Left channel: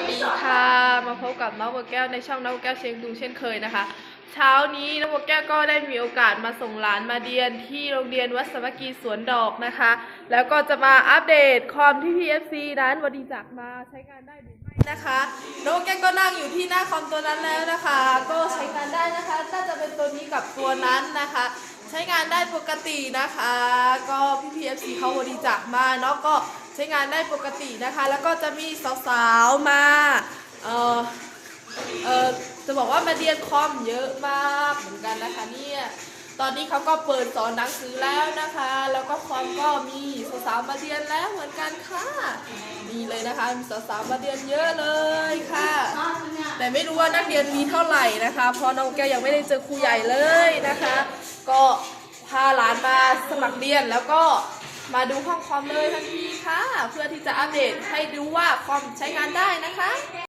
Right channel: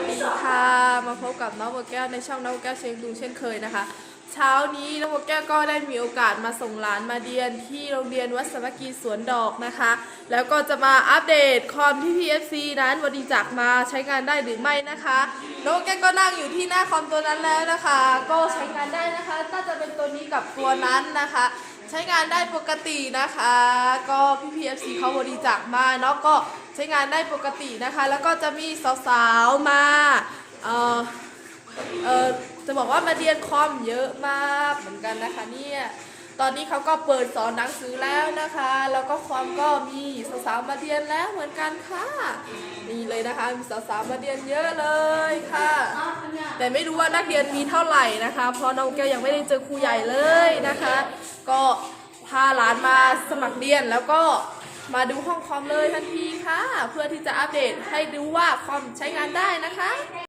วัสดีค่ะ มาพบกับน้องบัวแก้วในช่องน้องบัวแก้วเชียงดูเช่นเคยนะคะ เช้านี้น้องบัวแก้วก็ได้มีโอกาสมาส่งหลานมาเรียนที่โรงเรียนวัดสมัคคีสวนดอกนะคะ แล้วก็จะมาอัปเดตคอมที่ PFC นั้นบริจาคมาใช้งานได้หรือไม่นะคะน้องบัวแก้วก็นั่งอยู่ที่หน้าคอมตัวนั้นแล้วนะคะ ก็ใช้งานได้นะคะน่าจะเป็นตัวนี้กับตัวนั้นนะคะ ใช้งานได้ปกตินะคะ ก็พี่ PFC เขาบริจาคมาเนาะก็ ใช้งานได้ปกตินะคะ แล้วก็จะมีสาวๆมาเออเออจะบอกว่ามาเรียนคอมเยอะมากเหมือนกันนะคะเนี่ยตอนนี้เขาก็เปิดสอนหนังสือแล้วนะคะ แล้วก็คอมก็มีสาวๆมาเรียนแล้วเหมือนกันค่ะนี่เลยนะคะมีสาวๆมาเรียนเยอะเลยค่ะ แต่ไม่รู้ว่านักเรียนมีเท่าไหร่นะคะ เพราะน้องแก้วยังไม่ได้เจอครูใหญ่เลยนะคะ ก็พาหลานมาสมัครเรียนแล้วก็ มาดูห้องคอมเลยทันทีค่ะ เพื่อที่จะอัปเดตให้ดูว่าคอมใช้งานได้นะคะ